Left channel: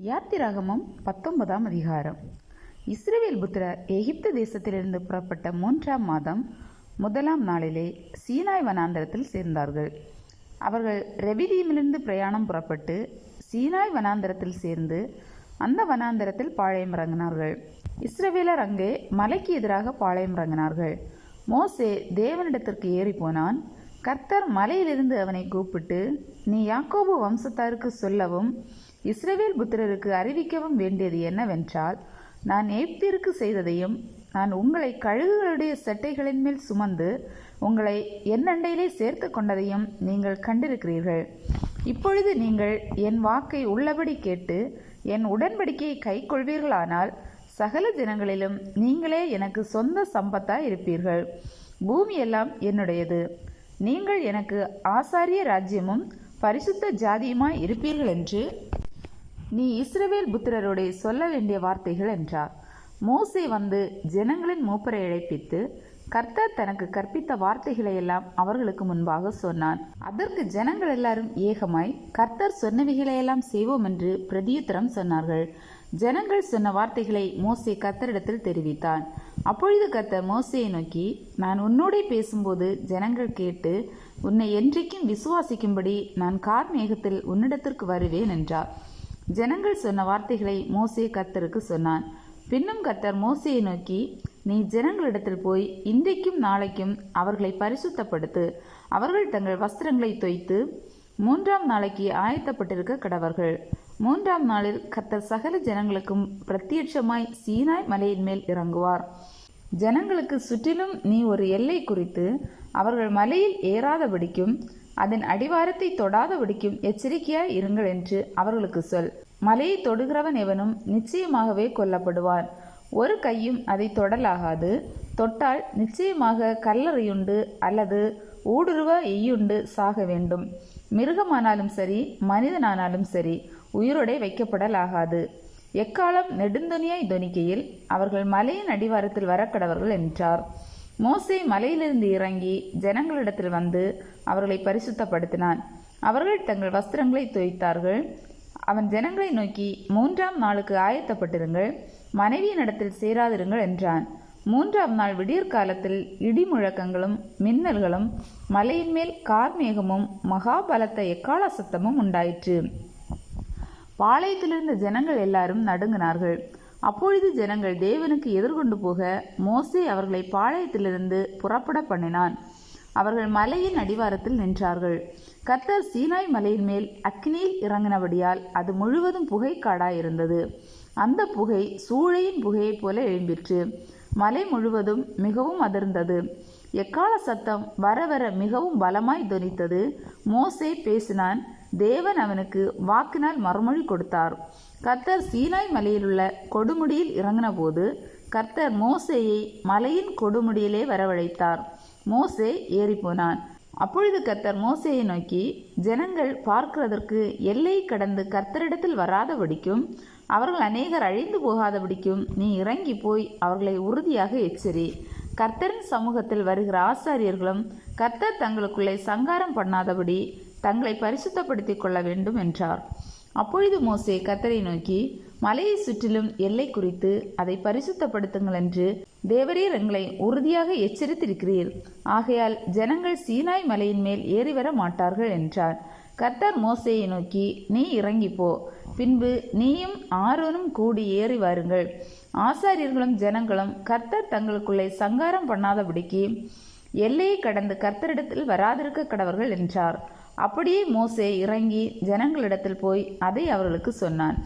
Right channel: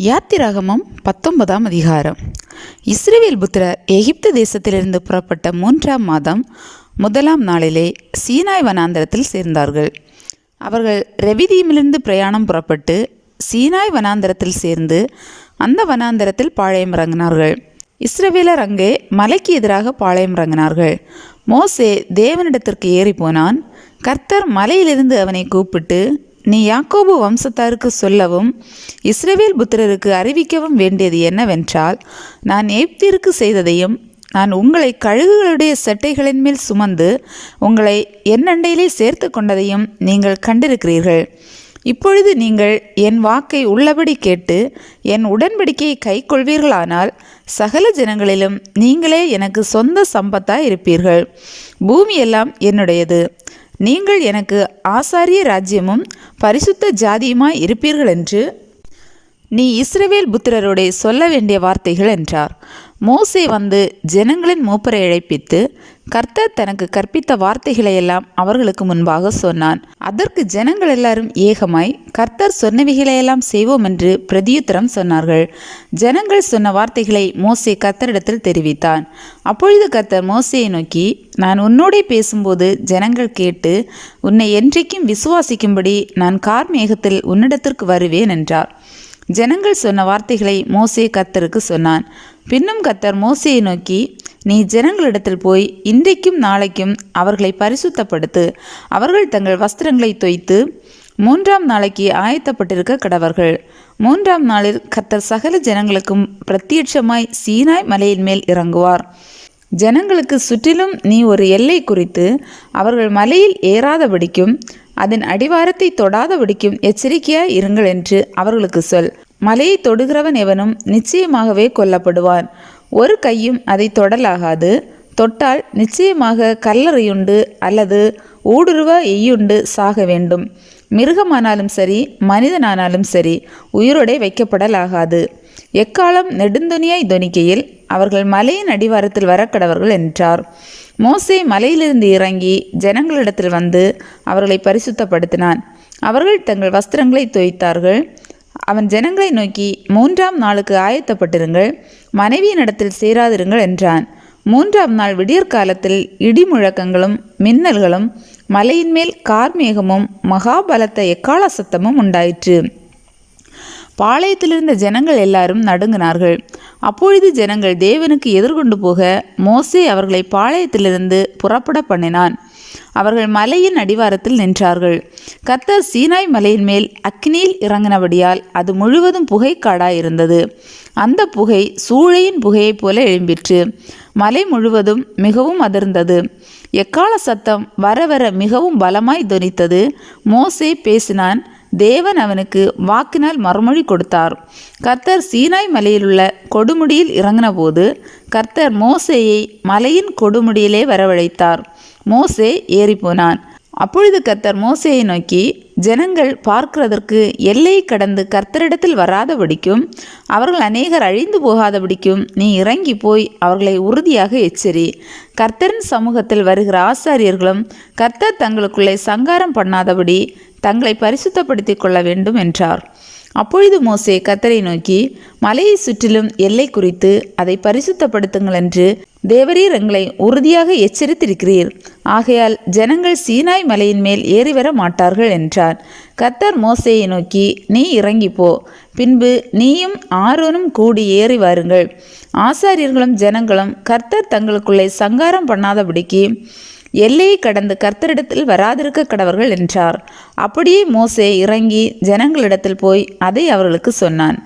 யாத்திராகமம் 19ஆம் அதிகாரம். இஸ்ரவேல் புத்திரர் எகிப்து தேசத்திலிருந்து புறப்பட்ட 3ஆம் மாதம் 1ஆம் நாளிலே சீனாய் வனாந்தரத்தில் சேர்ந்தார்கள். அவர்கள் ரெவிதீமிலிருந்து பிரயாணம் புறப்பட்டு சீனாய் வனாந்தரத்தில் சேர்ந்து அந்த வனாந்தரத்தில் பாளையம் இறங்கினார்கள். இஸ்ரவேலர் அங்கே மலைக்கு எதிராக பாளையம் இறங்கினார்கள். மோசே தேவனிடத்திற்கு ஏறி போனான். கர்த்தர் மலையிலிருந்து அவனை கூப்பிட்டு, நீ யாக்கோபு வம்சத்தாருக்கு சொல்லவும் இஸ்ரவேல் புத்திரருக்கு அறிவிக்கவும் வேண்டியது என்னவென்றால், நான் எகிப்திற்கு செய்ததையும் நான் உங்களை கழுகுகளுடைய சட்டைகளின் மேல் சுமந்து உங்களை என் அண்டையிலே சேர்த்து கொண்டதையும் நீங்கள் கண்டிருக்கிறீர்கள். இப்பொழுது நீங்கள் என் வாக்கை உள்ளபடி கேட்டு என் உடன்படிக்கையை கை கொள்வீர்களானால் சகல ஜனங்களிலும் நீங்களே எனக்கு சொந்த சம்பத்தாய் இருப்பீர்கள். பூமியெல்லாம் என்னுடையது. நீங்கள் எனக்கு ஆசாரிய ராஜ்யமும் பரிசுத்த ஜாதியுமாய் இருப்பீர்கள் என்று நீ இஸ்ரவேல் புத்திரரோடே சொல்ல வேண்டிய வார்த்தைகள் என்றார். மோசே வந்து ஜனங்களின் மூப்பரை அழைப்பித்து கர்த்தர் தனக்கு கற்பித்த வார்த்தைகளையெல்லாம் அவர்களுக்கு முன்பாக சொன்னான். அதற்கு ஜனங்கள் எல்லாரும் ஏகமாய் கர்த்தர் சொன்னவைகளையெல்லாம் செய்வோம் என்று பிரதியுத்தரம் சொன்னார்கள். ஜனங்கள் சொன்ன வார்த்தைகளை மோசே கர்த்தரிடத்தில் தெரிவித்தான். அப்பொழுது கர்த்தர் மோசேயை நோக்கி, நான் உன்னோடே பேசும்போது ஜனங்கள் கேட்டு உன்னை என்றைக்கும் விசுவாசிக்கும்படி நான் கார்மேகத்தில் உன்னிடத்திற்கு வருவேன் என்றார். ஜனங்கள் சொன்ன வார்த்தைகளை மோசே கர்த்தருக்கு சொன்னான். பின்னும் கர்த்தர் மோசேயை நோக்கி, நீ ஜனங்களிடத்தில் போய் இன்றைக்கும் நாளைக்கும் அவர்களை பரிசுத்தப்படுத்து. அவர்கள் தங்கள் வஸ்திரங்களை தோய்த்து 3ஆம் நாளைக்கு ஆயத்தப்பட்டிருக்க கடவர்கள். 3ஆம் நாளில் கர்த்தர் சகல ஜனங்களுக்கும் பிரத்யட்சமாய் சீனாய் மலையின் மேல் இறங்குவார். ஜனங்களுக்கு சுற்றிலும் நீ ஒரு எல்லை குறித்து அவர்கள் மலையில் ஏறாதபடிக்கும் அதன் அடிவாரத்தை தொடாதபடிக்கும் எச்சரிக்கையாய் இருங்கள் என்று அவர்களுக்கு சொல். மலையை தொடுகிறவன் எவனும் நிச்சயமாகவே கொல்லப்படுவான். ஒரு கையும் அதை தொடலாகாது. தொட்டால் நிச்சயமாக கல்லறையுண்டு அல்லது ஊடுருவ எய்யுண்டு சாக வேண்டும். மிருகமானாலும் சரி மனிதனானாலும் சரி உயிரோடே வைக்கப்படலாகாது. எக்காலம் நெடுந்துணியாய் தொனிக்கையில் அவர்கள் மலையின் அடிவாரத்தில் வரக்கடவர்கள் என்றார். மோசே மலையிலிருந்து இறங்கி ஜனங்களிடத்தில் வந்து அவர்களை பரிசுத்தப்படுத்தினான். அவர்கள் தங்கள் வஸ்திரங்களை தோய்த்தார்கள். அவன் ஜனங்களை நோக்கி, 3ஆம் நாளுக்கு ஆயத்தப்பட்டிருங்கள், மனைவியினிடத்தில் சேராதிருங்கள் என்றான். 3ஆம் நாள் விடியற்காலத்தில் இடி முழக்கங்களும் மின்னல்களும் மலையின் மேல் கார்மேகமும் மகாபலத்த எக்காள சத்தமும் உண்டாயிற்று. பாளையத்திலிருந்த ஜனங்கள் எல்லாரும் நடுங்கினார்கள். அப்பொழுது ஜனங்கள் தேவனுக்கு எதிர்கொண்டு போக மோசே அவர்களை பாளையத்திலிருந்து புறப்பட பண்ணினான். அவர்கள் மலையின் அடிவாரத்தில் நின்றார்கள். கர்த்தர் சீனாய் மலையின் மேல் அக்கினியில் இறங்கினபடியால் அது முழுவதும் புகைக்காடாய் இருந்தது. அந்த புகை சூளையின் புகையைப் போல எழும்பிற்று. மலை முழுவதும் மிகவும் அதிர்ந்தது. எக்காள சத்தம் வர வர மிகவும் பலமாய் தொனித்தது. மோசே பேசினான். தேவன் அவனுக்கு வாக்கினால் மறுமொழி கொடுத்தார். கர்த்தர் சீனாய் மலையிலுள்ள கொடுமுடியில் இறங்கின போது கர்த்தர் மோசேயை மலையின் கொடுமுடியிலே வரவழைத்தார். மோசே ஏறிப்போனான். அப்பொழுது கர்த்தர் மோசேயை நோக்கி, ஜனங்கள் பார்க்கிறதற்கு எல்லையை கடந்து கர்த்தரிடத்தில் வராதபடிக்கும் அவர்கள் அநேகர் அழிந்து போகாதபடிக்கும் நீ இறங்கி போய் அவர்களை உறுதியாக எச்சரி. கர்த்தரின் சமூகத்தில் வருகிற ஆசாரியர்களும் கர்த்தர் தங்களுக்குள்ளே சங்காரம் பண்ணாதபடி தங்களை பரிசுத்தப்படுத்திக் கொள்ள வேண்டும் என்றார். அப்பொழுது மோசே கர்த்தரை நோக்கி, மலையை சுற்றிலும் எல்லை குறித்து அதை பரிசுத்தப்படுத்துங்கள் என்று தேவரீர் எங்களை உறுதியாக எச்சரித்திருக்கிறீர். ஆகையால் ஜனங்கள் சீனாய் மலையின் மேல் ஏறி வர மாட்டார்கள் என்றார். கர்த்தர் மோசேயை நோக்கி, நீ இறங்கி போ, பின்பு நீயும் ஆரோனும் கூடி ஏறி வாருங்கள். ஆசாரியர்களும் ஜனங்களும் கர்த்தர் தங்களுக்குள்ளே சங்காரம் பண்ணாதபடிக்கு எல்லையை கடந்து கர்த்தரிடத்தில் வராதிருக்க கடவர்கள் என்றார். அப்படியே மோசே இறங்கி ஜனங்களிடத்தில் போய் அதை அவர்களுக்கு சொன்னான்.